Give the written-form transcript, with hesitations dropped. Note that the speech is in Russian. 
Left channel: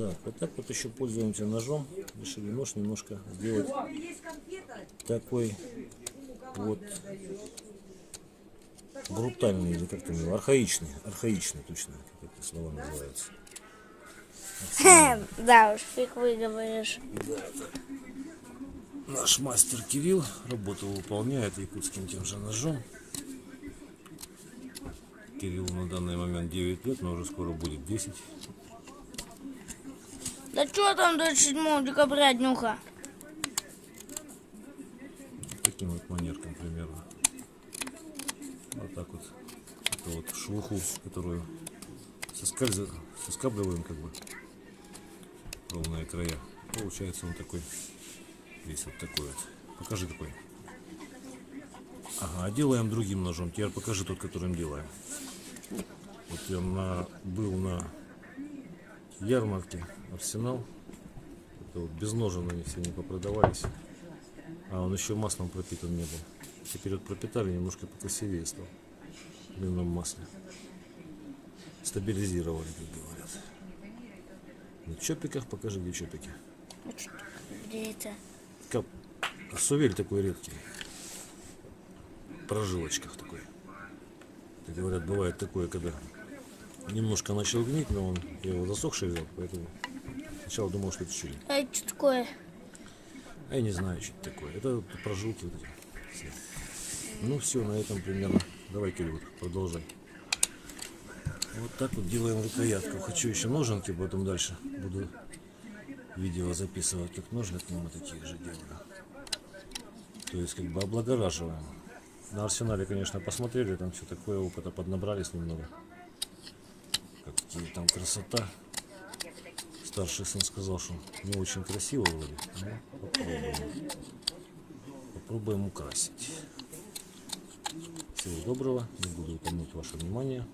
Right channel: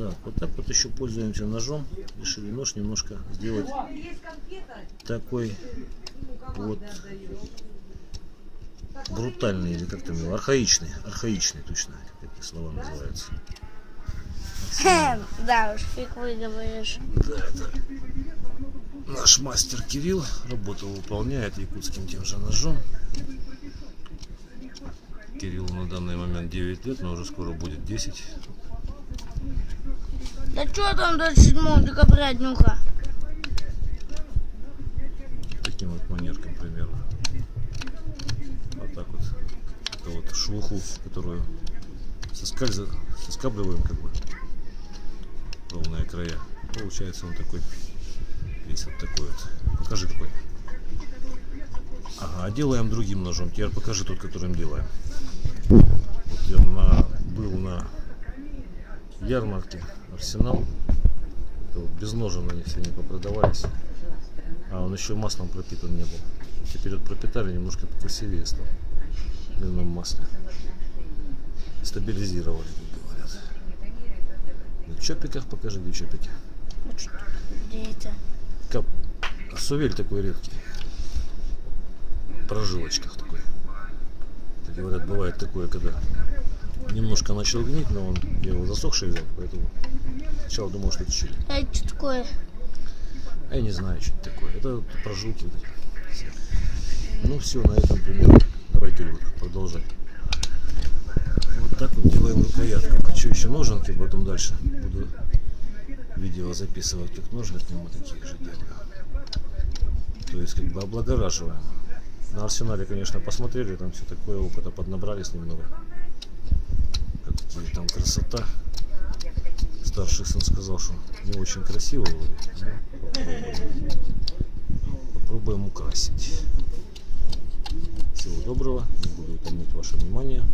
Так, вот так вот еще пользуемся ножом. Решили нож немножко сделать такой вот брутальный, или как там его, архаичный точно, как эти слова называются. Да уж, как вы говоришь. Да, это наш мастер Кирилл работу выполняет якутским тем же ножом. Кириллу на данный момент 9 лет, но уже скоро будет 10. Да что там до 7 декабря днюха? Таким вот манерком примерно. Вот так вот. Это вот шелуху, которую соскабливаем как бы ровные края. Получается он такой, весь вот такой вот. Покажи какой. Ага, делаем другим ножом. Теперь покажи тот, которым делаем. Вот я был на ярмарке Арсенал. Это вот без ножен они все не попродавались. А он еще маслом пропитан не был. Теперь вот пропитали, немножко покрасивее стал. В льняном масле. Стабилизировали, как говорят. На чопиках покажи, где чопики. Где это? Сувель такой редкий. В прожилочках такой. Так говорят, бывает такое, когда немножко начал гнить, но я его засохший взял, поэтому сначала думал, что это чили. А это что такое? А я не знаю, что это такое. Это прожилки вот эти все. Ну все, на этом примерно. Давай, Кирилл, продолжай. Вот так вот делаем рукоятку. Хочу еще ноженки, потом дальше буду видео записывать, как ножны к нему такие же делаю. То есть как бы облагораживаем. На Арсенале, конечно, посмотрели, там все такое, опыта поднабрались немного. Какие там красота. Старший сын сказал, что не очень красиво вроде. Ну, попробуем украсить. Всего доброго, не буду утомить ваше внимание.